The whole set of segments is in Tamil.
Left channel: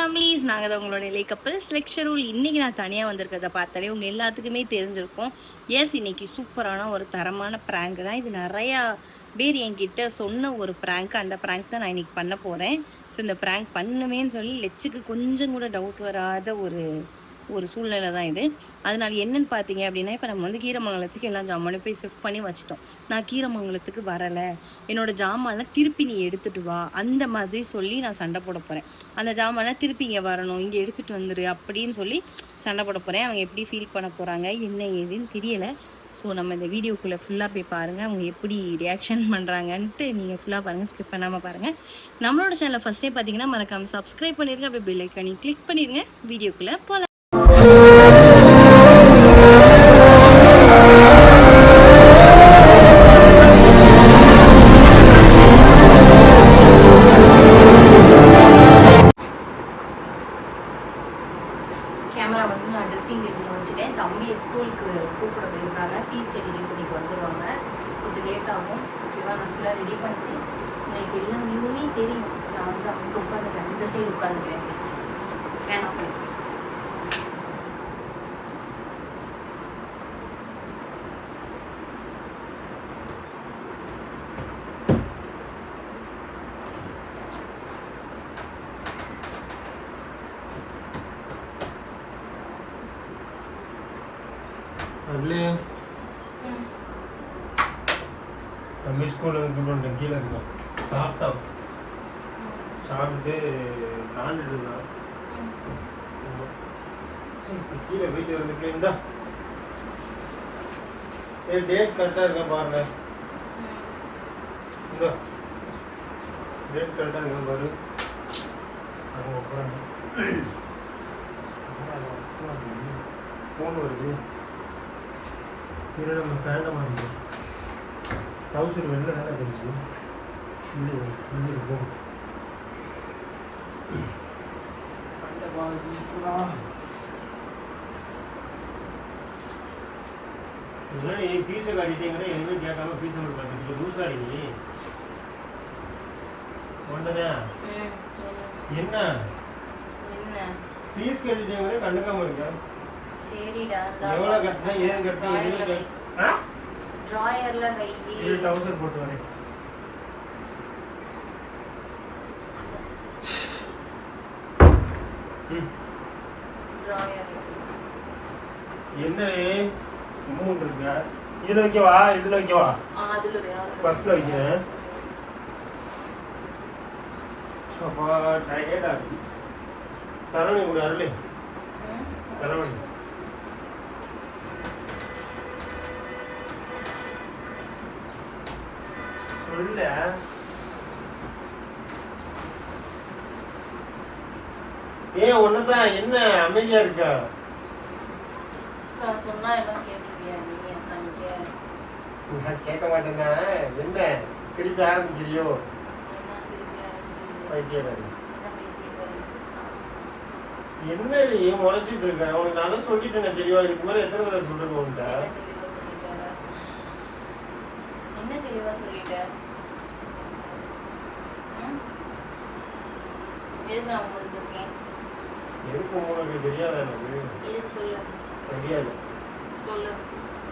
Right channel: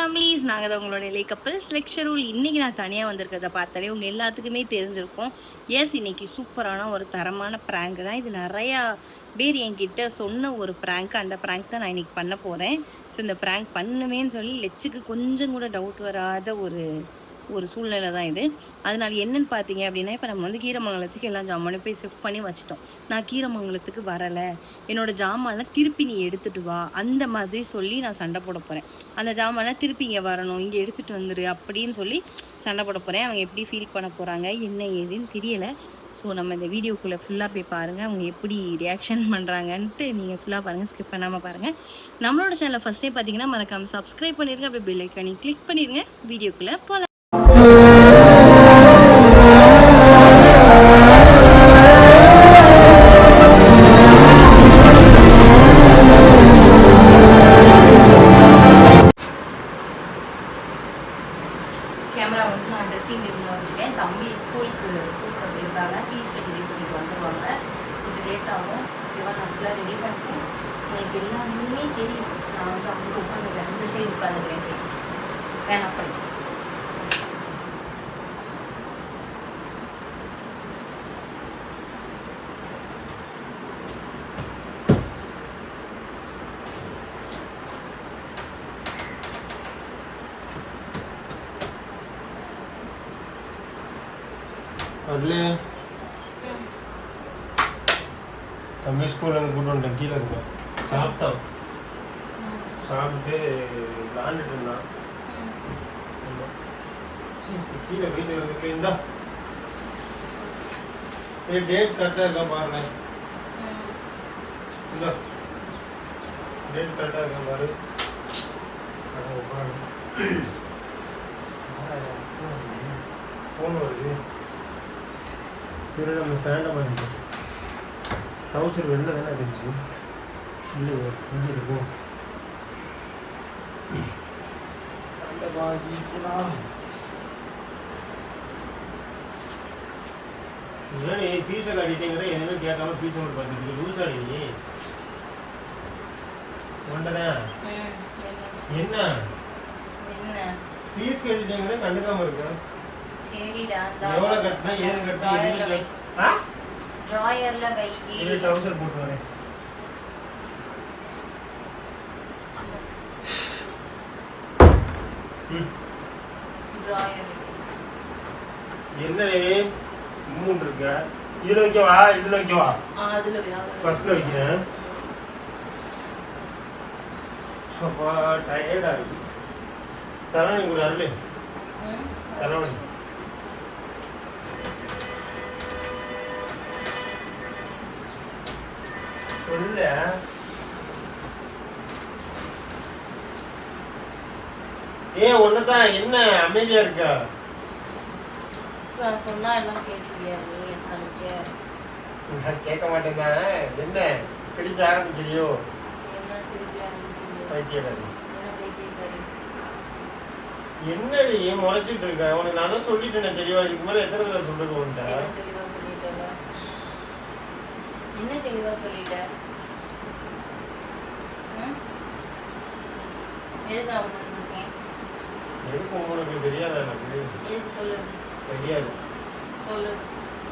ஃபேமிலிஸ் நாங்கள் தான் உங்களோட இலை கப்பல்ஸ் லெக்சரூல் இன்றைக்கி நான் தனியாக வந்திருக்கிறத பார்த்தாலே உங்கள் எல்லாத்துக்குமே தெரிஞ்சிருக்கும். எஸ் இன்னைக்கு சூப்பரான ஒரு தரமான ப்ராங்க் தான். இது நிறையா பேர் என்கிட்ட சொன்ன ஒரு ப்ராங்க் அந்த ப்ராங்க் தான் நான் இன்னைக்கு பண்ண போகிறேன் ஸோ இந்த ப்ராங்க் பண்ணுவேன்னு சொல்லி லெச்சுக்கு கொஞ்சம் கூட டவுட் வராத ஒரு ஒரு சூழ்நிலை தான் இது. அதனால என்னன்னு பார்த்தீங்க அப்படின்னா இப்போ நம்ம வந்து கீரமங்கலத்துக்கு எல்லாம் ஜாமானும் போய் ஷிஃப்ட் பண்ணி வச்சிட்டோம். நான் கீரமங்கலத்துக்கு வரலை. என்னோட ஜாமான்லாம் திருப்பி நீ எடுத்துட்டு வா. அந்த மாதிரி சொல்லி நான் சண்டை போட போகிறேன் அந்த ஜாமான்லாம் திருப்பி இங்கே வரணும். இங்கே எடுத்துகிட்டு வந்துரு அப்படின்னு சொல்லி சண்டை போட போகிறேன் அவங்க எப்படி ஃபீல் பண்ண போகிறாங்க என்ன ஏதுன்னு தெரியலை. ஸோ நம்ம இந்த வீடியோக்குள்ளே ஃபுல்லாக போய் பாருங்கள் அவங்க எப்படி ரியாக்ஷன் பண்ணுறாங்கன்ட்டு நீங்கள் ஃபுல்லாக பாருங்கள் ஸ்கிப் பண்ணாமல் பாருங்கள் நம்மளோட சேனலை ஃபஸ்ட்டே பார்த்தீங்கன்னா மறக்காமல் சப்ஸ்கிரைப் பண்ணிருங்க. அப்படியே பெல் ஐக்கானி கிளிக் பண்ணிடுங்க வீடியோக்குள்ளே போகலாம் எனக்கு எல்லா வியூமே தெரியும். நான் வந்து அவங்க உட்காந்துக்கிறேன் அந்த சைடு உட்காந்துக்கிறேன் வேணாம் பண்ணி வரலையா தம்பி ஸ்கூல்ல இருந்து கூட்டு வந்துட்டேன் கீழே இருந்தான் சாப்பிட்டான் சாப்பிட்டு விளாண்டுட்டு இருந்தான் சரி, கீழே வீடியோ வந்து இருந்தா ஏய் டேட் கரெக்டாக இருக்கா பாருங்க. இந்த. டேட் கரெக்டாக இருக்கா பாரு. அது உட்காந்து ஃபோன் வருது. இது நம்ம கரெக்டாக வருது ட்ரௌசர் வெளில தான் இருந்துச்சு இது இங்கே இருக்கு. முன்னாடி ஃபீஸை கட்டிட்டேங்கிற எதுவுமே கேட்காம ஃபீஸ் ஒன்று பார்த்துட்டு ரூல்ஸ் ஆடி என்ன? என்ன? ஃபீஸ் கட்டிட்டேங்கிற கண்டுக்காம இருக்க. சரிடா எவ்வளோ கட்டினா ஏது கட்டினா எதுவுமே ட்ராயர்ல வை. இது ட்ரௌசர் போட்டு வரேன். ட்ராயர் என்னடே மூணு இருக்க. இதுல வைக்கவா? இதுல வைக்கவா? ஃபர்ஸ்ட்ல அப்பா டயர்டா இருக்கு. தலைவணி கூட அருளே தலைவணி சொல்ல ஏன் ஒன்னதான் என்ன அமைதியா இருக்கா? நான் சொன்னா எல்லாம் கேட்டுட்டியா நீ? நான் கேட்க மாட்டேங்க. என்ன? திருப்பி ஆரம்பிக்கிறியோ பேசியிருக்காரு? என்னடி முறைச்சிட்டு இருக்க? உனக்கு நான் தான் சொல்லிட்டேனே தெரியவா இதுக்கு மேல எத்தனை தடவை சொல்றது உன்ட்ட என்ன தெளிவா ம்? எதுக்கு உனக்கு தெரியாது எனக்கு? எதுக்கு சொல்லு? தெரியாது. சொல்லு.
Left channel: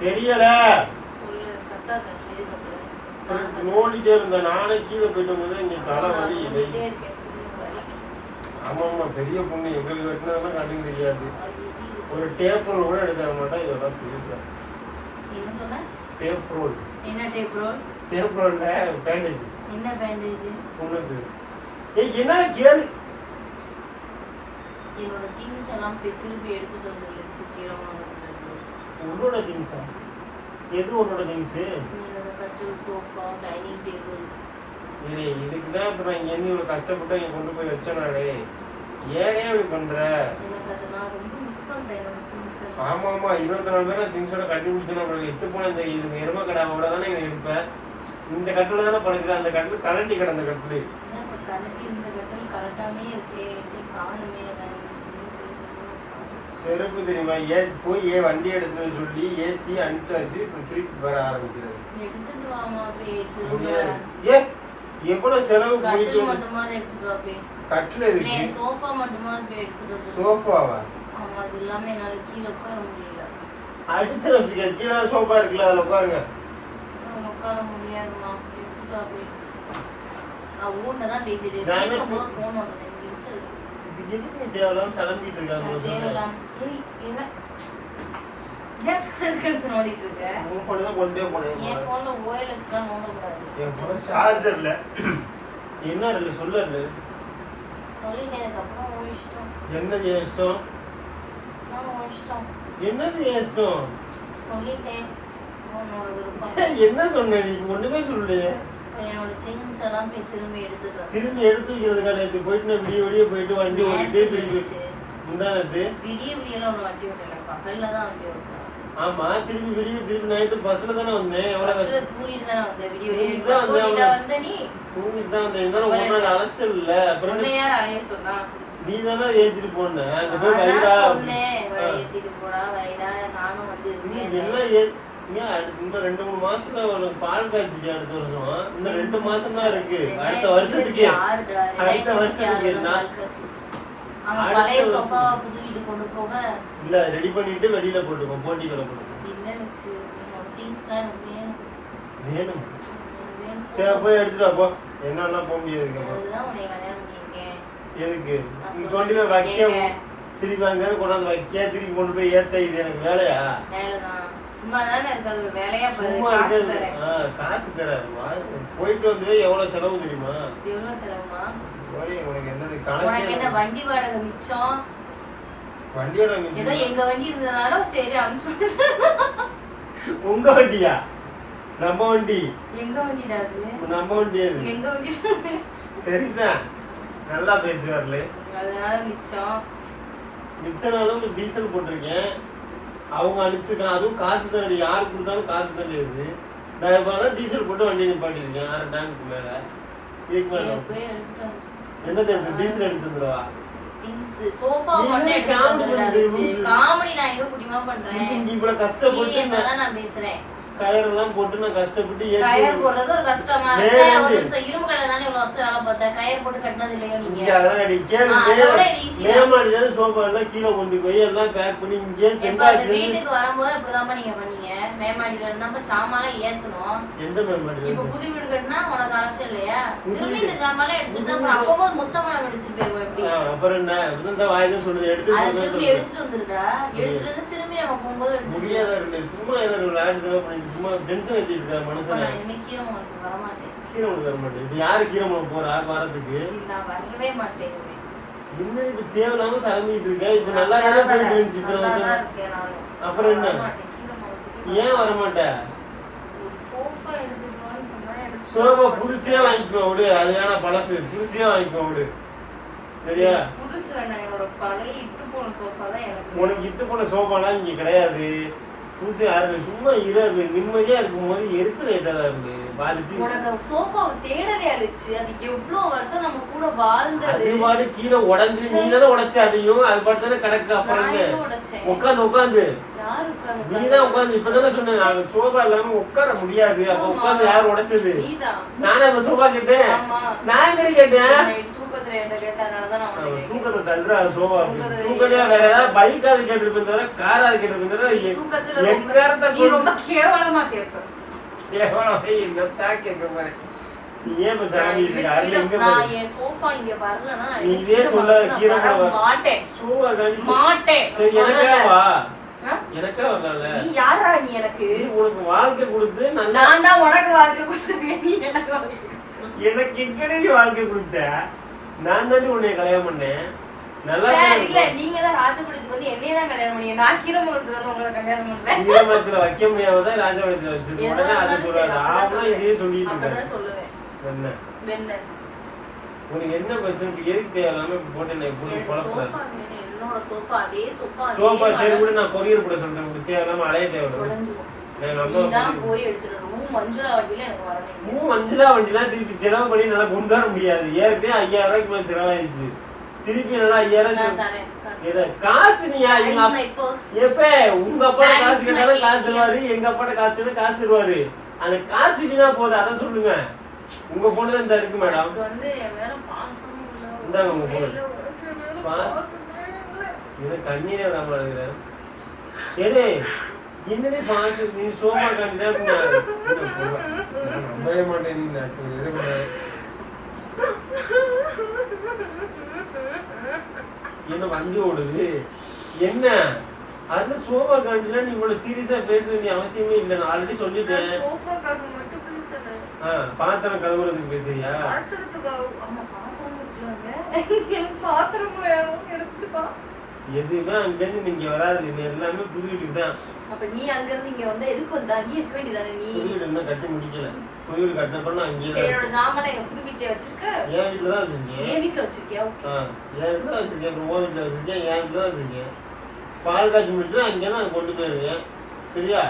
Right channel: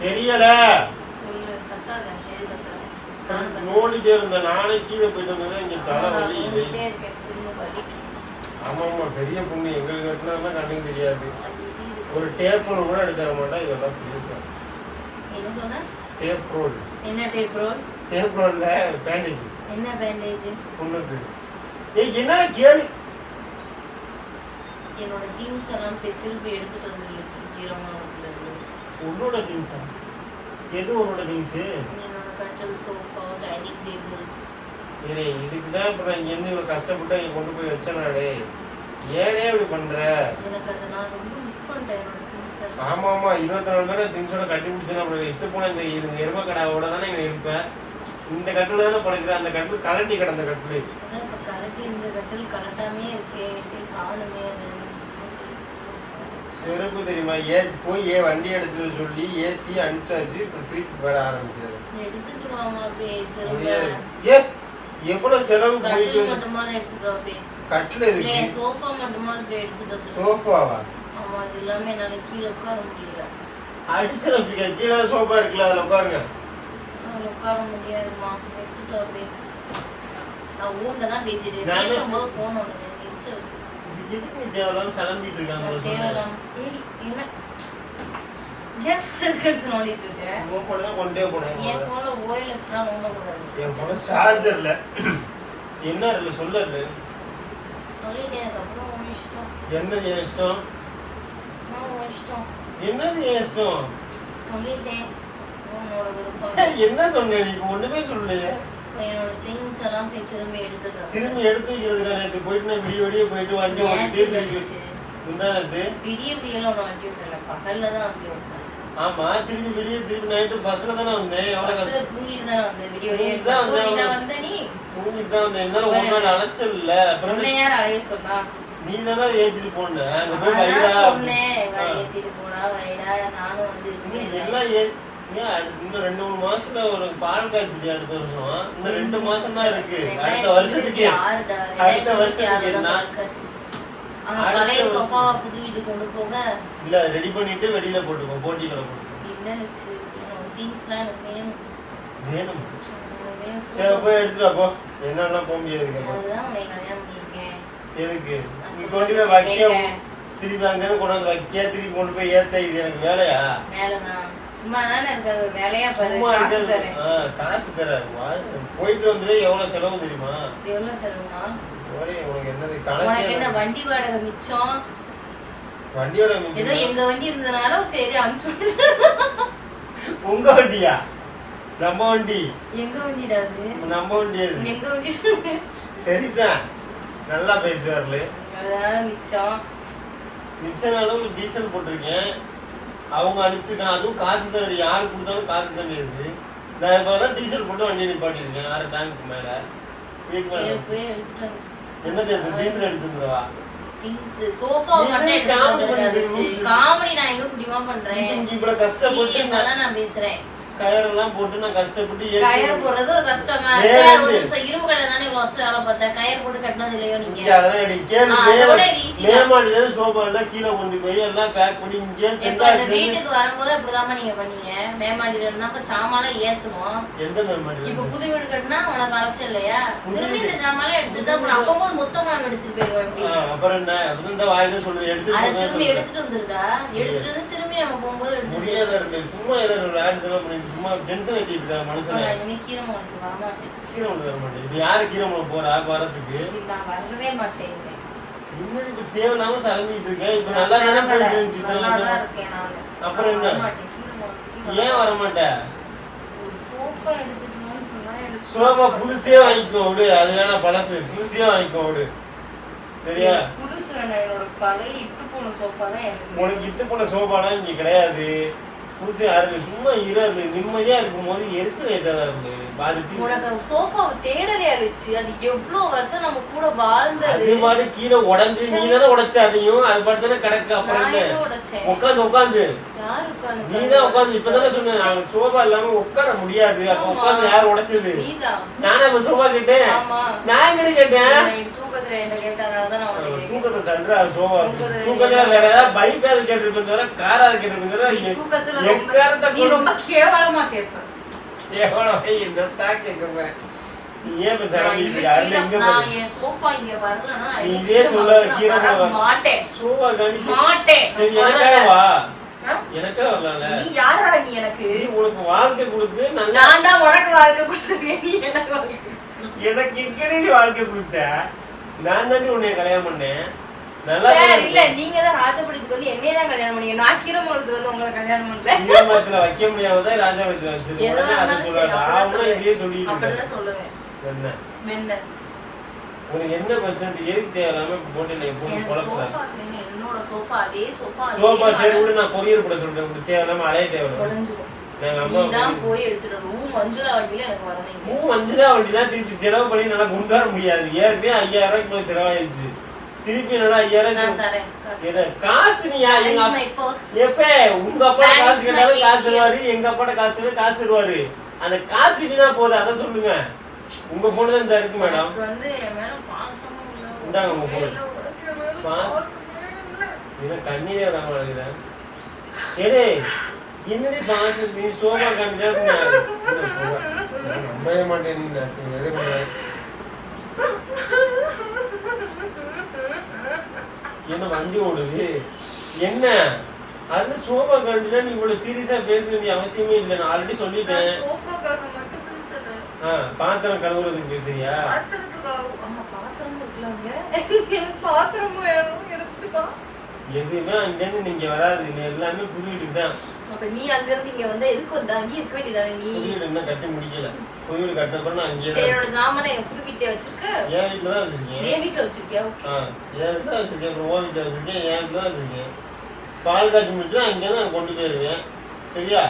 தெரியல. சொல்லு கத்தாத. நோண்டிட்டே இருந்தேன். நானே கீழே போயிட்டு வந்தேன் இங்க தலை வலி. ஆமா ஆமா பெரிய பொண்ணு. எங்களுக்கு வெட்டினதெல்லாம் கண்டுக்க தெரியாது. ஒரு டேப் ரோல் கூட எடுத்து தர மாட்டா. இதெல்லாம் பேசுறேன் என்ன சொன்ன? டேப் ரோல் என்ன டேப் ரோல் டேப் ரோல்ல பேண்டேஜ் என்ன பேண்டேஜ் பொண்ணுக்கு ஏய் என்ன கேளு. என்னோட திங்ஸ் எல்லாம் போய் திருப்பி எடுத்துட்டு வந்துருச்சு கீரமாவதுல இருந்து உன்னோட திங்ஸா எது உன்னோட திங்ஸு என்னோட கட்டல் சோஃபா டைனிங் டேபிள்ஸ் ஏய் இதுக்கு தான் இப்போ நான் இங்கேருந்து இவ்வளோ கஷ்டப்பட்டு இங்க கொண்டு போய் வச்சனாடே ஏனே இப்படி பண்ற? எனக்கு அதை நான் ரொம்ப மிஸ் பண்றேன் என்னோட திங்ஸ் எல்லாம். ஆமா ஆமா இருபத்தி நாலு பேர் திங்ஸோட கட்டி பிடிச்சேன் அப்புறம் எத்து போன இந்த இந்த எரும கடாவோட தானே இங்க இருப்ப? இந்த கட்டில் தானே படுக்கிற அந்த கட்டில் கலட்டி கிடந்த கட்டில் கரெக்ட் இந்த கட்டல் கரெக்டாமே இருக்கே சரி காணுமே. செருப்பு தெரியுமா? ஏ போய் ஏ வண்டி எடுத்து சொல்லி ஏத்தி அனுப்பிச்சாச்சு இப்போ திருப்பி வர ஆரம்பிக்கிறது முடியாது. ஏ எவ்வளவு செலவு போயிட்டு கட்டில் இருக்கு சோஃபா மட்டுமா சோஃபாவா? ஆமா அது இல்லாம என்னால கீழே உட்கார முடியல. அடிச்சு வச்சுக்க. கீழே சோஃபா இருக்குல்ல அதுல உட்காருங்க. உட்கார முடியாதுமா எடுத்துட்டு அப்படியே நான் ஊர்ல தான் பேசிட்டு பேசும்போது போன் ஒன்று எதுக்கு தேவையில்லாம சலம்பிட்டு இருக்காங்க சொல்லுங்க. இருக்கேன் உன் phone தான் கொண்டே போனேன் என் போன்ல ஓஎல்எக்ஸ்லாம் நோண்டக்கூடாது. என் போன சார்ஜர் இல்ல. என்ன இருக்கு? சொல்லு சொல்லிட்டேன் அதுக்கப்புறம் உன் இஷ்டம். என்னது என் இஷ்டம்? நான் உன் இஷ்டம். என்னது என் இஷ்டம்? சொல்லிட்டேன். உன்னோட விருப்பம். என்ன சொன்னேன் நீ? ஒண்ணுமே சொல்லலையே. இப்ப என்னோட திங்ஸ் எல்லாம் போய் திரும்பி திரும்பி எடுத்து வைக்கிறதுக்கா நேற்று போயிட்டு நான் விடிய விடிய போயிட்டு வண்டி ஓட்டிட்டு வச்சு. முந்தானத்து விடிய விடியல ஒன்று வண்டி ஓட்டல பகல்ல தான் வண்டி ஓட்டினேன். ஆமா திருப்பி விடிய நைட்டு பஸ்ல தானே வந்தேன் எவ்வளவு பஸ்ல தூங்கிட்டு தானே வந்தேன் விடிய விடிய தூங்கிட்டு வந்த நீ? தூங்கிட்டு தான் வந்தேன் இருந்தாலும் ஒரு நாள் அலைச்சல் இல்ல. அப்புறம் உன்னை யார் அலைய சொன்னா? நீ தானே ஏத்திட்டு போன. சொன்னேன் ஏத்திட்டு போடா வைடா நானும் வந்து எல்லாம் இன்னும் ரெண்டு மூணு மாசத்துல உனக்கு பால் காய்ச்சிட்டு அடுத்த வருஷம். இன்னும் ரெண்டு மாசம் தான் இருக்கு. அடுத்த வருஷத்துக்கு. அடுத்த வருஷத்துக்கு பழைய. சோஃபாவை புது வீட்டுக்கு கொண்டு போக. இல்ல ரெடி பண்ணிட்டு வெளியில போட்டுக்கோ போட்டி கிளம்பணும் திங்ஸ்லாம் எனக்கு வேணும். சரி போய் எடுத்துட்டு வா, போ. என்னெல்லாம் போக முடியாது. அதுதான் உன்னை கல்யாணம் பண்ணியிருக்கேன். எதுக்கு? நான் நீ சொல்றது கொண்டு போய் வைக்க கேட்க. திருப்பி அங்க கொண்டாந்து வைக்க திருப்பி கொண்டு போய் ஏத்த இது எனக்கு வேலையா? வேலைதான். சும்மா தானே இருக்காது வேலையா பாரு காசு தரேன். காசு தர போயிட்டு வந்து எவ்வளவு செலவு தெரியுமா? எவ்வளவு செலவுமா? உனக்கு என்ன வண்டி வாடகை மிச்சம்? வண்டியோட ஏதோ. எங்க வண்டி இருந்ததுனால சரி அனுப்பிச்சு உங்க வண்டியா? நம்ம வண்டி. எங்க வண்டிடா அது? நம்ம வண்டி அது. எங்க வண்டி? சரிதான். நல்லா பேசுறாருல. அதனால மிச்சம். மிச்ச நாளும் டீசல் போட்டிருக்கேன். அவங்க அனுப்பிச்சிருக்காங்க. அதுவும் காசு தான் யாரு கொடுத்தாலும் காசு தான் இருக்குது நான் இப்போ தான் டீசல் போட்டு வண்டி நிப்பாட்டியிருக்கேன் அரை டேங்க்கு மேல. என்னது எடுத்து டீசல் எடுத்து வந்துருவா? திங்ஸ் சோஃபா மட்டும் காமெடி நான் எங்க முடியுமா பண்றேன்? கஷ்டப்பட்டு நான் பேசுறேன். கயரெல்லாம் போட்டு நான் கஷ்டப்பட்டு கயர் போடுறது ஒரு கஷ்டமா? சார் வந்து? ஒரு நிமிஷம் இரும்பு கடை தானே இவ்வளவு வேலை பார்த்தேன். கயர் போட்டு கட்டினது இல்லையோ நீங்க? அதெல்லாம் இருந்து சோஃபா எல்லாம் கீழே கொண்டு போய் எல்லாம் பேக் பண்ணி இங்கே வீட்டுக்கு வரும்போது இப்படிதாம்மா நீங்க பண்ணீங்க? மேமாடியில இருந்தா சாமான் ஏத்தணும். எந்த மேமாடியில இப்ப? புது வீடு கட்டினா உனக்கு அலைச்சல் இல்லையா? திரும்பி. இந்த சாமான் எடுத்துட்டு அப்புறம் அப்பம்போது மொத்தமா நம்ம எடுத்துட்டு போயிருவோம் எப்படி? அப்புறம் என்ன? இந்த வாயில சொல்லுது. எடுத்து அதை திரும்பி. எடுத்துட்டு வந்துருடா. எடுத்துட்டு வந்து திரும்பி நம்ம போகும்போது எடுத்துட்டு முடியாத இருக்கு சும்மா இரு விளையாட்டு தான் பண்ணி சும்மா டென்ஷன் ஏத்திட்டு இருக்கா மனசுல இனிமே கீரை உங்களுக்கு வரமாட்டேன் கீரை முளை வர மாட்டேன். இப்ப யாரு கீரை முளை போறா வரதுக்கு இது நான் வரவே மாட்டேன் இனிமே. என்ன இப்ப தேவையில்லாம இப்ப நான் நல்லா தானே போயிட்டு இருந்துச்சு இத்தனை வருஷம். அப்புறம் என்ன? கீரை ஏன் வர மாட்டேன். சோபா புதுசே வாங்கிக்கோ விடு. அது வேணா பழசு. புதுசே வாங்கிக்கோ விடு. சரியா? புதுசு என்னோட பழைய இத்து போன சோஃபா தான் எனக்கு. வேணும். உனக்கு இத்து போன சோபாலாம் இங்க கிடையாது. புதுசு யாரு சும்மா இரு நிம்மதியா இருக்கும்போது எரிச்சல் ஏத்தாதா இருக்கு? பாதிப்பு உனக்கு சோஃபாவை தேடலே அழிச்சு அது எவ்வளவு வருஷம் நம்ம கூட வாழ்ந்தது? அது பாடு கீழே உடைஞ்சு நீ தானே உடைச்ச அதையும் அது பாட்டு தானே கிடக்கு அப்புறம் உட்காந்து உட்காந்து. யாரு உட்கார்ந்து நீ தான் உட்காந்து இப்பதானே சொன்னேன் நான் சோபா இல்லாம உட்கார முடியாது. அப்ப. உட்காந்து யார் உடைச்சது? நானே அப்ப சோபா கேட்டேன். நான் எங்கடி கேட்டேன்? தூக்கத்துல என்ன கேட்டதுனாலதான் நான் உன்னை. தூக்கத்தை தள்ளுறா சோபா தூக்கத்துல வேற ஏதாவது பைக்காவது கேட்டிருப்பேன் தவிர காராவது கேட்டிருப்பேன் தவிர தூக்கத்துல ரொம்ப நீ ரொம்ப கேவலமா நீ ஏன். மாட்டேன். மாட்டேன். யாரா நீ எனக்கு? உனக்கு வாழ்க்கை கொடுத்து நான் தான் உனக்கு வாழ்க்கை கொடுத்துருக்கேன். நீ எனக்கு வாழ்க்கை. எனக்கு வாழ்க்கை கொடுத்த? நான் தாண்டி உன்னைய கல்யாணம் பண்ணேன். நல்லா சார் இல்ல நீங்க தான் ராஜபடித்துக்கு வந்து என்னைய தான் கல்யாணம் பண்ணீங்க. நான் கீரமங்கலத்துக்கு வந்து உங்களை கல்யாணம் பண்ணல. ஈரமரத்துல வைக்க முடியாமதான் ராஜாவளத்துல வச்சிருக்கோம். எதா உடனே அதை சொல்லாத ஆமா. இதே சொல்லிட்டு. அப்படிதான் சொல்லுவேன். என்ன? வெண்ண உனக்கு என்ன பிரச்சனை? எதுக்கு தேவையில்லாம போட்டு நான் போட்டு எனக்கு குழப்ப சோஃபா வேணும். என்னோட சோஃபா அதே சோஃபா சோபா சரி கூட நான் பொரியல் கூட சொல்றேன். தேவையில்லாம அலைய தேவை உடஞ்சிரும் எங்க நீ அம்மா தான் போய் எடுத்துட்டு வரணும். மஞ்சுளா வண்டியில எனக்கு வரணும் மூ மஞ்சளா வண்டிலாம் திருப்பி செலவு பண்ணி நல்லா கொண்டு வர முடியாது. ஏற்கனவே ஐயாயிரம் ரூபாய்க்கு மேல செலவாயிருச்சு. திருப்பி நல்லா ஐயாயிரம் காசு. நீயா எங்க. எப்ப? உங்க அப்பா காசு கேட்டாலும் காசு. தருவாரு. எங்க அப்பாட்ட காசு கேட்டாலும் காசு தருவாரு. அந்த காசு கிட்டினா போதும். அதை சொல்லுங்க. உங்க போன்ல இந்த இருக்கு மேடம் இந்தாங்க உங்க. பாஸ். இவன் கண்ணீரே வராம அழுகிறேன். ஏடே என்னடே பாஸ் நீ சோமா காமிச்சா நம்பவே மாட்டேன் என்ன வண்டி ஓடுது? என்ன? அது சோபா காண்டினா நீ இவ்வளவு சீரியஸா பேச வேண்டிய அவசியமே இல்லை. நான் ஆல்ரெடி சொல்லிட்டேன். சோஃபாக்காக மட்டும் பேசல. ஆ, பாத்திரம் கழுவுறதுக்கு பேசுறியா? ஆமா எனக்கு பாத்திரமும் வேணும் எடுத்துட்டு வா. எதுவுமே அங்கிருந்து நீங்க வராது. நீ எல்லாமே புது வீட்டுக்கு தான். அப்ப நீ அங்க இருந்து இங்க வந்தா எதுக்கு வந்த அங்கேயே இருக்க வேண்டியதானே நீ? புது வீடு இன்னும் கட்டி முடிக்கல. புது வீடு கட்டின அப்புறம் நான் அங்கேயே சரி என்னோட ஜாமெல்லாம் எங்க புது வீட்லயே வச்சிருக்க? என் வீட்டுல தான் வச்சிருக்கேன். என் வீட்டுல வச்சிருக்கியா? ஓகே. என் வீட்டுல வச்சிருக்கேன். அப்புறம் உன் வீட்டுல வச்சிருக்கேன். என் வீட்டுல தான் வச்சிருக்கேன். பால் காய்ச்சி முடிச்சுட்டு அங்கே தான் கொண்டு போயிருக்கேன். சரியா?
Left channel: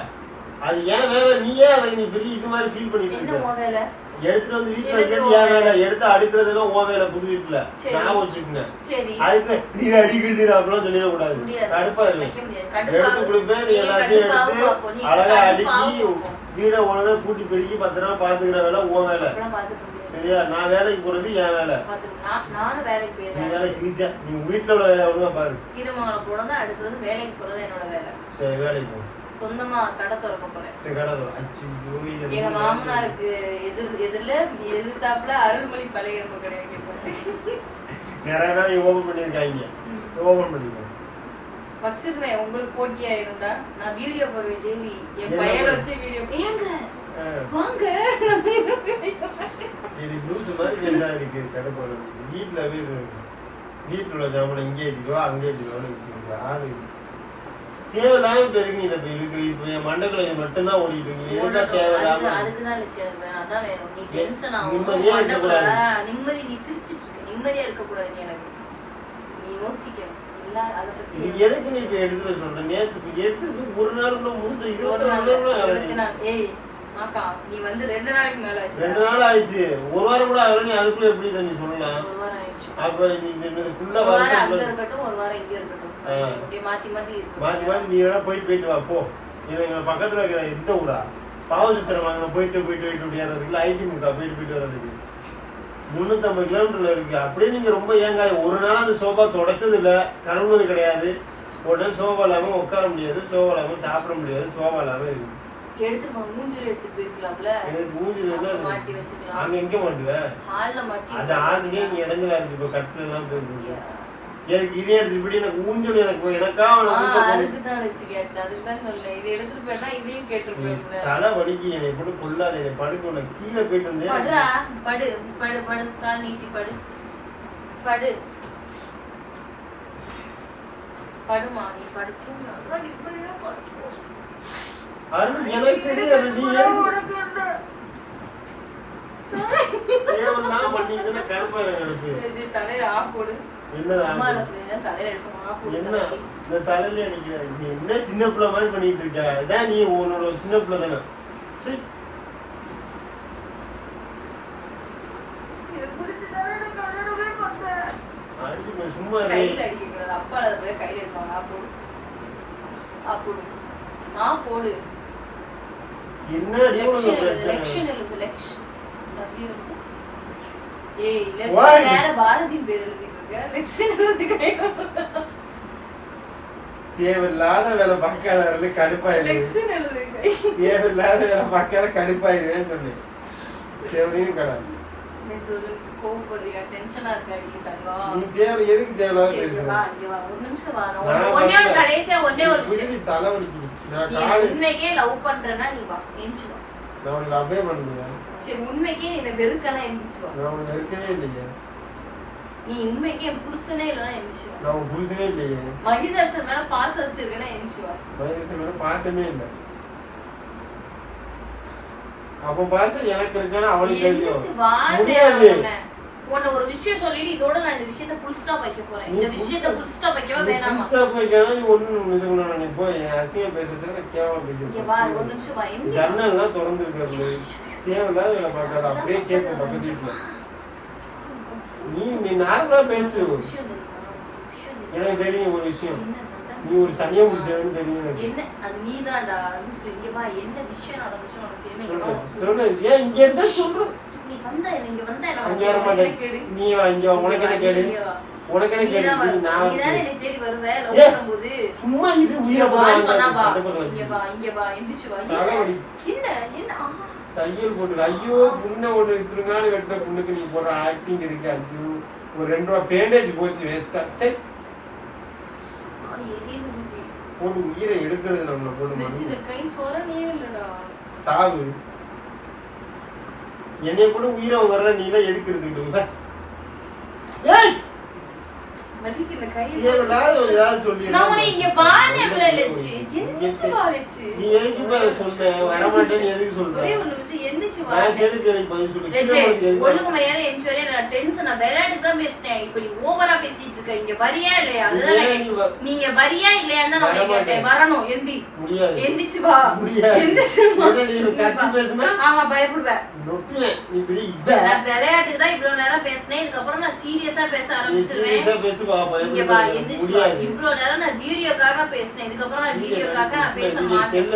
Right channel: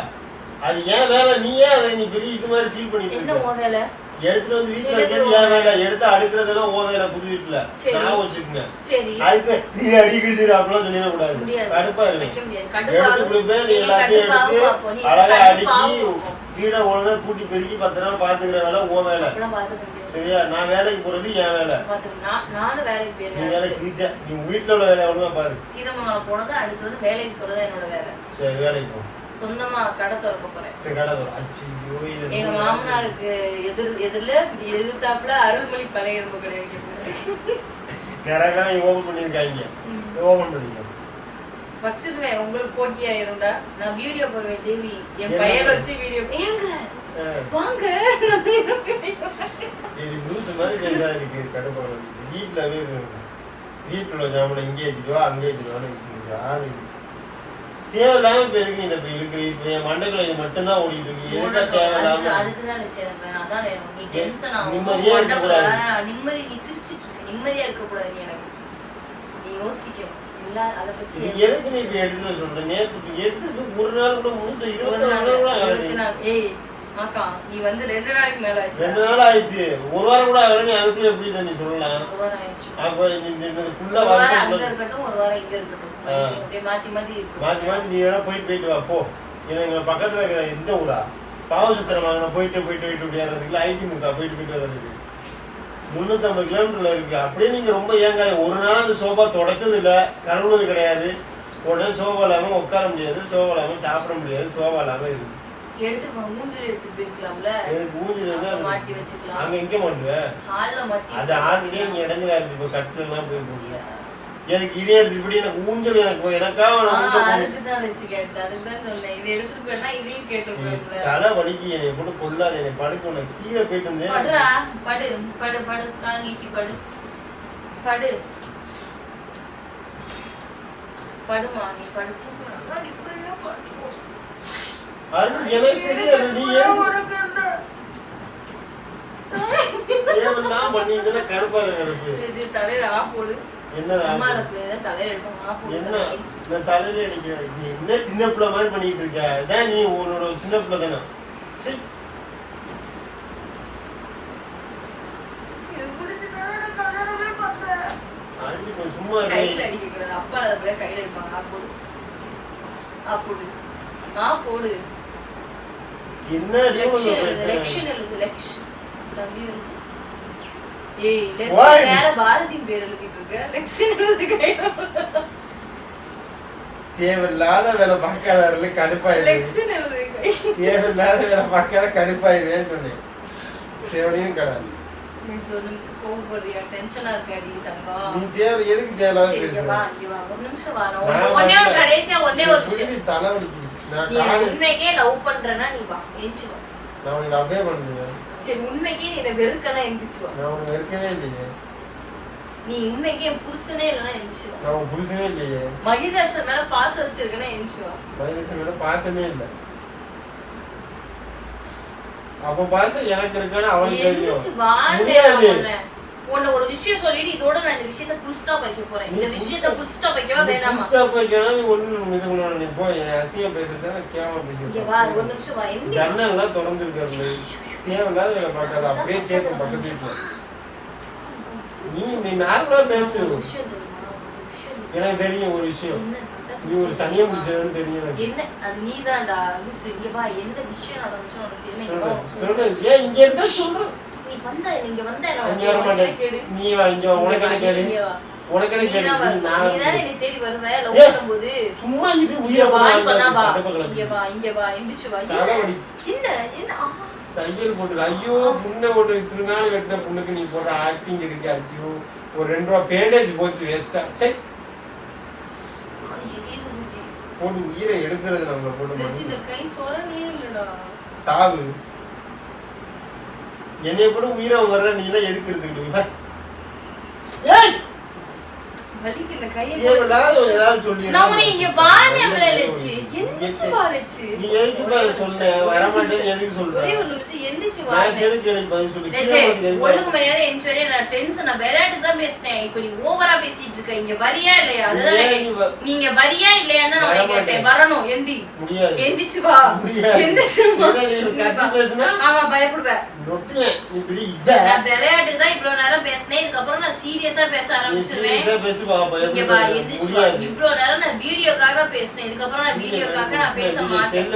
அது ஏன் வேலை. நீ ஏன் அதை நீ பெரிய இது மாதிரி ஃபீல் பண்ணிட்டு என்ன இருக்க. வேலை? எடுத்துட்டு வந்து வீட்டுல இருக்கிறது ஏன் வேலை? எடுத்து அடுக்கிறதெல்லாம் ஓ வேலை புது வீட்டுல. நான் வச்சுக்கோங்க. அதுக்கு நீ அடிக்கிறது அப்படிலாம் சொல்லிடக்கூடாது. கடுப்பா முடியாது. எடுத்து. கொடுப்பேன் நீ எல்லாத்தையும் எடுத்து அழகா அடுக்கி. வீடை ஒழுங்கா கூட்டி பெருக்கி பத்திரமா பாத்துக்கிற வேலை உன் வேலை. சரியா? நான் வேலைக்கு போறது என் வேலை. நீ வேலைக்கு ரீச்சா நீ வீட்டுல உள்ள வேலை ஒழுங்கா பாரு. திருமணம் போனது அடுத்து வந்து வேலைக்கு போறது என்னோட வேலை. சரி வேலைக்கு போ. சொந்தமா கடை திறக்க போறேன். எங்க மாமனாருக்கு எதிர் எதிரில எதிர்த்தாப்புல அருள்மொழி பழைய எறும்பு கடை வைக்க போறேன். வச்சிருவேன் உங்களுக்கு போட்டி ஆயிரும்டா. நான் வீடியோ போடுவேன் டெய்லி என் பையன் வச்சு வீடியோ ஏங்க வாங்க. வீட்டுல வீடு வீட்டுல ஜாமனை இங்கே ஏற்றிடுவா அங்கே இது? தேவையில்லாம நீ இதை இப்ப இருக்கு இப்ப என் மண்டைக்குள்ள இது மட்டும்தான் ஓடிட்டு இருக்கு. எதுக்கா அதுக்கு தேவையில்லாம அதுக்குதான் லட்சியம் எனக்கு வேணும் அதான் வேணும். நீ டென்ஷன் நிம்மதியா ஆகும் இருக்கக்கூடாது. நிம்மதி நீ சிரிச்சிட்டு இருக்க நிம்மதியா இருக்க கூடாது நீ எனக்கு. நீ யோசிக்கணும் எதுக்கு நீ இப்ப எடுத்துட்டு சொல்ற? நேத்து போய் ஒரு நாள் கூட முழுசு இருபத்தி நாள் கூட ஏய் மாக்கா நீ வந்து ரெண்டு நாளைக்கு மேல ஆச்சு ரெண்டு நாள் ஆயிடுச்சு. ஒரு வாரம் கூட ஆகல நீ அதுக்குள்ள எப்படி தான் நீ சொல்லலாம்? ஆயிடுச்சு. அப்புறம் இந்த வாரம் அங்க இருக்கட்டும் ஒரு வாரம் இங்க இருக்கட்டும். ஆ. அப்படியே மாத்தி மாத்தி மாத்தி இருக்கு. மாத்தி நீ வேணா போய் போயிட்டு வா போ. எனக்கு பக்கத்துல இருக்கிற இந்த ஊரா? பாவசத்திரம் வாங்கின போயிட்டு போயிட்டு போயிட்டு விளையாடுறதுக்கு ஐடி முக்கா போயிட்டு போயிட்டு வர்றதுக்கு. முன்னூத்தம்பது கிலோமீட்டர்ல இருக்கு. அப்படியே நீங்க ரொம்ப ஏங்க ஒரு நாள் அந்த சோபா தொடச்சது இல்ல கழுவுனது கிடையாது உடனே சோபா இல்லாம உட்கார முடியாது. சோபா இல்லாம சாப்பிட முடியாது. சோபா இல்லாம இருக்கு. அங்க எங்க மாட்டுவேன் ஹால்ல மாட்டி அது ஆல்ரெடி இடைஞ்சலா இருக்கு. இப்ப கட்டு எல்லாம் போயிருக்கு எனக்கு இதே எடுத்துட்டு இப்படி எனக்கு ஊஞ்சல் எனக்கு எனக்கா அதுக்கு தான் வச்சு கேட்டேன். அதுக்கு தான் சொன்னேன். இதை எடுத்துட்டு போயிட்டா இதையும் கேட்டிருப்பேன் தலை வலிக்கு என்னை போட்டு கொள்ளாது என்னை படுக்க உனக்கு கீழே போயிட்டு இருந்தேன் படுறா. படு படு படு. கால் நீட்டி படு. படு. படுமா நீ படு தூக்குனா, நீ இப்படியே படு. அது எனக்கு தெரியாது நீ தேவெல்லாம் பண்ணிட்டு கருப்பா இருக்கு இது தலையில ஆ போடு. என்ன? தலையில அடிக்கிறேன் நீ என்ன சின்ன பிள்ளை மாதிரி பண்ணிட்டு இருக்க? நீ உன்னோட சின்ன பிள்ளை தானே? சீ. இது பிடிச்சதால நான் கல்யாணமே பண்ணேன். அடிச்சுக்கோ, சும்மா. கையில அடிக்க கூடாது. அப்பா அதை போய் கையில எடுப்பாங்க. ஆ போடு. ஆ போடு. ஆ போடு. என்ன அடி உனக்கு லெக்ஷன் எழுது. பிரச்சனை? லெக்ஷன் எழுது. லெக்ஷன் லவ் யூ எழுது. ஏய்? லெக்ஷன் வேற பாரதியின் பேர் எழுதிட்டு இருக்க. லெக்ஷன் எழுது கையில தேவையில்லாத வேலை பார்க்காத கடுப்பாயிரு. லெக்ஷன் எழுது கை. தேவையில்லாத வேலை பார்க்காத கடுப்பாயிருவேன்னு சொன்னேன் செவனையும் கடை நீ சொல்லு கோவப்படுறியா டென்ஷனா இருக்க அடிக்கு தங்கம். நீ தேவை எதுக்கு தேவையில்லாத பேசுற? ஒரு நிமிஷம் வா. கடைசியா ஒண்ணே ஒரு விஷயம் நீ உண்மைக்கே லவ் பண்றேன்னா நீ வா எந்திச்சு வா நான் உனக்கு லவ்வே பண்ணலையே. சரி உண்மைக்கே நீ என்ன வெறுக்கனா எந்திச்சு வா. நான் இல்லையே. நீ உண்மைக்கே என் புருஷனே இல்லைன்னா எந்திச்சு வா. நான் உன் புருஷனே இல்லையே. மகிதர்ஷன் மேல பாசம் வச்சிருக்கேன்னா எந்திச்சு வா. மகேஷ் மேல பாசமே இல்லை. அவன் பாசம் எனக்கு அவனுக்கு எந்திரிச்சு முடியாது. உன்னை உன்னை ஒரு விஷயம் சொல்லிட்டு இதோட நான் இந்த விஷயத்த புல் ஸ்டாப் வைக்க போறேன். இந்த விஷயத்த புல் ஸ்டாப் வைக்கவா வேணாமா? நீ இது நீ போய் பேசிட்டு கேவலம் வா ஒரு நிமிஷம் வா. எந்தி ஜன்னல்லாம் திறந்து இருக்காரு தேவையில்லாத வேலை பார்க்காத அப்படியே கேட்கும் பக்கத்து வீட்டுல நீ நீ நார்மலா பேசு? எனக்கு தெரியும் ஒரு விஷயம். நீ ஒரு சனியம் பிடிச்சவன்னு தெரியும் எனக்கு. என்ன? அது இங்க வா. என்ன விஷயம் நடந்துச்சு உனக்கு தெரியுமா? சொல்றேன். ஏன் இங்க இருந்தா சொல்றேன் நீ வந்த இங்க வந்த. கேடு? நீ வா இங்க உனக்கு கேடு. உனக்கு கேடு? நான் நீ தானே என்னை தேடி வருவ? லவ். பண்ணும்போது சும்மா இப்படி இங்க உயிரை வான்னு சொன்னா வா. இங்க வா இங்க வா. என்ன. என்ன? தையல் போட்டு ஐயோ புண்ணை ஒண்ணு இத்தனை நாள் கட்டின புண்ணுக்கு நீ போடுற ஆக்டிங் இருக்கு ஐயோ ஒரு ரெண்டு ரூபா பேண்டேஜ் போச்சு வேஸ்டா சை. அது எரியுது. போட்டு உயிரை எடுக்கிறது நம்ம போட்டு சாவு. என்னைய கூட உயிரை வர்ற நீ எல்லாம் எதுக்கு ஏய்! வலிக்கு இந்த கையை சொல்லி இங்க லட்சு. எந்திரிச்சு நீ எதுக்கு எதுக்கு சொல்ற? ஒரு நிமிஷம் எந்திரிச்சு வா நான் கேள்வி கேள்வி பதில் சொல்லி. லட்சு, கீழே வந்து எதுக்கு ஒழுங்கு மரியாதை எந்திரிச்சு வரையா நான் டென்ஷன் நான் விளையாட்டு தான் பேசினேன். இப்ப நீ ஓவரா பேசிட்டு இருக்க. இங்க வரியா இல்லையா? அதுதான் நீங்க வரியா இல்லையான்னு நான். கேட்டேன். வரணும் எந்தி. எந்திரிச்சு வா. எந்திரிச்சு? ஆமா பயப்படுவேன் நான் விளையாட்டுக்கு தான் இவ்வளவு நேரம் பேசினேன். இதுக்கப்புறம் நான் சீரியஸா பேச ஆரம்பிச்சிருவேன். இவ்வளவு நேரம் நான் வீடியோக்காக பேசினேன். இதுக்கப்புறம் நான் வீடியோக்காக நான் பேச மாட்டேன்.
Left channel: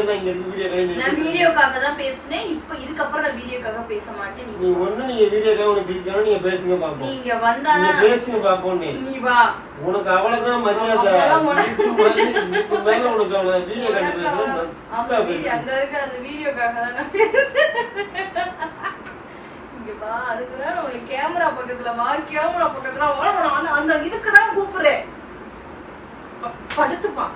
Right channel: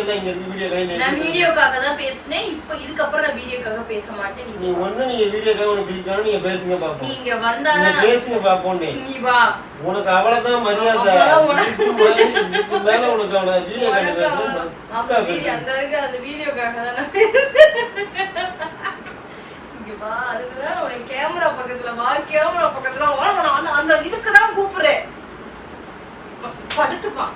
நான். வீடியோக்காக தான் பேசினேன். இப்ப இதுக்கப்புறம் நான் வீடியோக்காக பேச மாட்டேன். நீ நீ ஒண்ணு நீங்க வீடியோ கை உனக்கு பிடிக்கணும் நீங்க பேசுங்க பாப்போம். நீங்க நீங்க வந்தாதான் பேசுங்க பாப்போம் நீ. வா. உனக்கு அவ்வளவுதான் மரியாதை. மேல- உனக்கு அவ்வளவு வீடியோ கை உனக்கு பேசணும் அவன்- மக்கா அவன் வீடியோ- பேசு. அந்த இருக்கு, அந்த வீடியோக்காக தான் நான் பேசுறேன். அதுக்குதான் உன்னை கேமரா பக்கத்துல வா, கேமரா பக்கத்துல வா, நான் அந்த- அந்த இதுக்கு தான் கூப்பிடுறேன். படுத்துப்பா.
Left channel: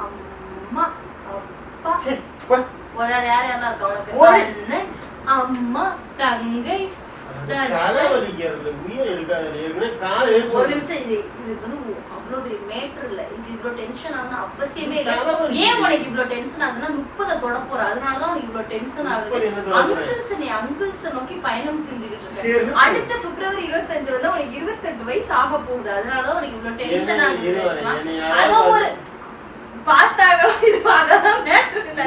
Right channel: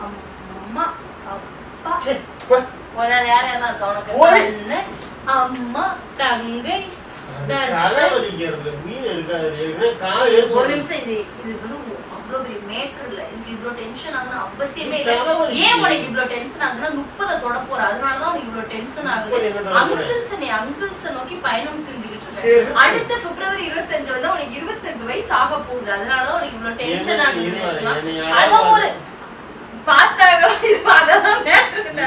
அம்மா, அப்பா. சே, வா. உன்னை யார் யாரெல்லாம் இருக்கா உனக்கு? அம்மா தங்கை ஒரு நிமிஷம் இது வந்து அவ்வளவு பெரிய மேட்டர் இல்ல. இதுக்கு இவ்வளவு டென்ஷன் ஆகுனா அவசியமே இல்ல. தலைவலி. ஏன் உனக்கு இவ்வளவு டென்ஷன் ஆகுனா முப்பதை தொட போற. அதனாலதான் உனக்கு இவ்வளவு டென்ஷன் ஆகுது? அங்கிள்ஸ் நீ அங்கிள்ஸ் நோக்கி பயணம் செஞ்சுக்கிட்டு. இருக்க அடுத்த பிப்ரவரி இருபத்தஞ்சு வந்து உனக்கு இருபத்தெட்டு வயசு ஆக போகுது. அதனாலதான் உனக்கு இவ்வளவு டென்ஷன் ஆகுது பார்த்தாங்களோ இது அதெல்லாம் மேட்டர் இல்ல.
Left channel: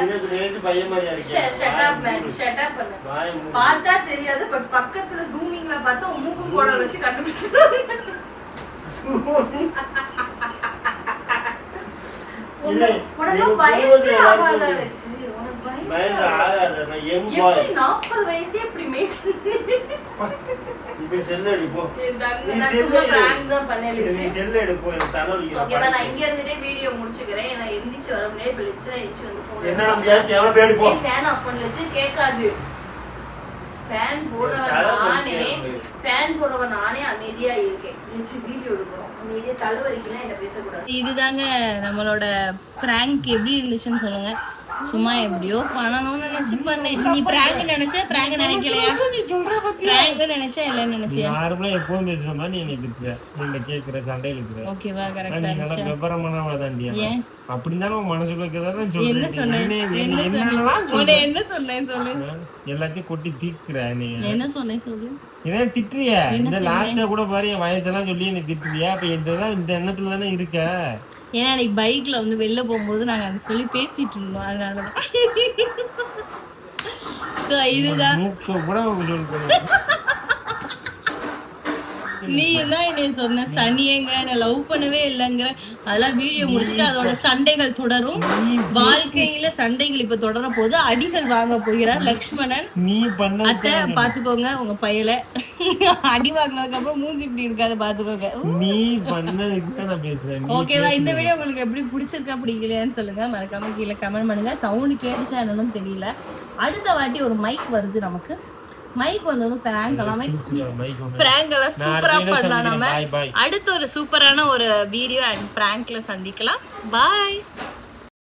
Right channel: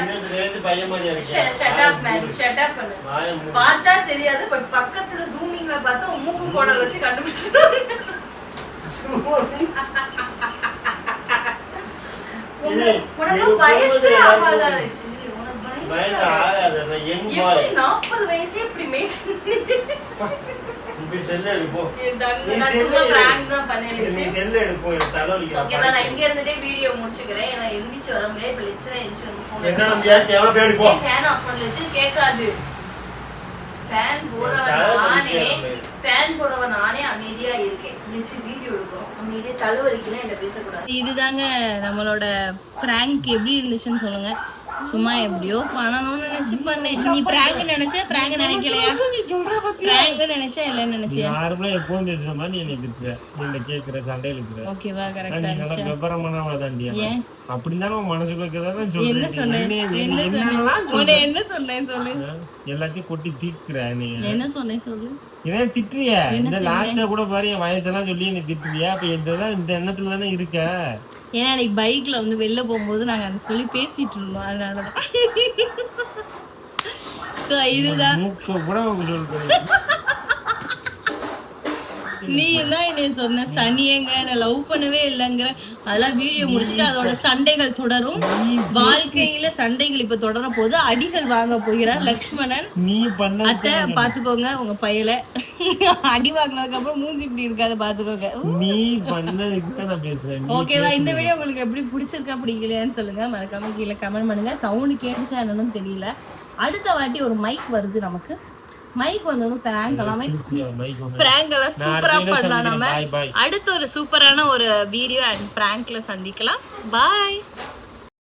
பார்த்தா தெரியாது பட் பக்கத்துல ஜூமிங்ல பார்த்தா மூக்கு கோடல் வச்சு கண்டுபிடிச்சிருவாங்க. உனக்கு வயசு ஆகாதா வயசு ஆகாது. எப்படி 40 வயசே இப்படி நீ போய் நான் சும்மா prank தான் பண்ணேன் சரி, லட்சு. நீ cell எடு, போ. எனக்கு தலை வலிக்குது. So, okay வா, நான் இங்க இருந்துட்டே வீடியோ முடிச்சுக்கிறேன். ஏன்னா எந்திரிச்சு வர முடியாது இப்ப லட்சு தான் எந்திரிச்சு வந்து phone என்ன எடுத்து- முடியாது, எவ்வளவு பேர் போ. ஏய், fan off பண்ணு லட்சு, கேட்காது ஃபேன் போடுறவன் நானே. ஃபேன் போடுறவன் நானே அமைதியா இருக்கேன். லட்சு வீடியோ எடுக்கிறோம். அமைதியா தலைவலிக்குன்னா என்ன பேசக்கூடாது? இதுதாங்க நம்மளோட பிராங்க் எப்படி இருந்துச்சுன்னு சொல்லுங்க. சும்மா எப்படியோ பண்ணணும்னு நினைச்சு பண்ணேன் நீ பிராங்க் நினைச்ச பிராங்க் நினைக்கலையா? பிராங்க் நினைச்சா இல்லன்னு நினைச்சியா? நார்மலா எப்பவும் பேசுற மாதிரி நீ எனக்கு இருக்கிற நீங்க கேக்குற சண்டையில இருக்கிற ஓகேவா நீ கரெக்டா நல்லா இருந்துச்சா? விவரமானவ தாண்டியா? அப்படி தானே உன் மனசுக்குள்ள இருக்கதான் என்ன சொன்னேன்? என்ன சொன்னேன்? என்ன சொன்னேன் சொல்லு? எல்லாத்தையும் கொட்டி தீக்குற நீ. என்ன சொன்னேன் சொல்லு? என்ன திட்டுறிய? இந்த லாஸ்ட்ல கூட பாரு என் வயசெல்லாம் சொல்லி நீ திட்டுறியா? அப்ப இதெல்லாம் இந்த எண்ணத்துல தானே இருக்க? ஏன்னா அன்னைக்கு பைக்ல வந்து வெளில போகும்போது நாங்க அதை சொல்லி பேசிட்டு இருந்தோம். அதனாலதான். சோ இதுதான். கூட நீ தான் என்னை சொன்ன சனியங்க என்ன லவ் பண்ணவே இல்லைங்கிற. அதெல்லாம் வீடியோ முடிச்சுட்டு அதோட சண்டைகள் தொடரும். வாழ்க்கையில சண்டைகள் இப்ப தொடர போது அடிகள் வாங்க போகிறார் லக்ஷ்மணன். நீ பண்ண அத்தை பாத்துக்கோங்க உங்க பையல. அடி வாங்கினதுக்கு அப்புறம் மூஞ்சி இப்படி இருக்காது பாத்துக்கோங்க. நீ பண்ணதுக்கு நான் பேசுறேன். ஓகேவா இந்த வீடியோ உங்களுக்கு எப்படி பிடிச்சிருக்கா பிடிக்கலையான்னு சொல்லுங்க. மறக்காம கீழே கமெண்ட் பண்ணுங்க. சவுண்ட் கேட்டுச்சா என்னன்னு தெரியல. அடுத்த வாட்டி ஒரு மைக் வருது நமக்கு. மைக் வந்து வந்து பிராங்க் எல்லாம். பிராங்க் எல்லாம் சூப்பரா பண்ணலாம் நம்ம. அடுத்த ஒரு சூப்பரான ஒரு வீடியோ அண்ட் பிராங்க்ல சந்திக்கலாம். பாய்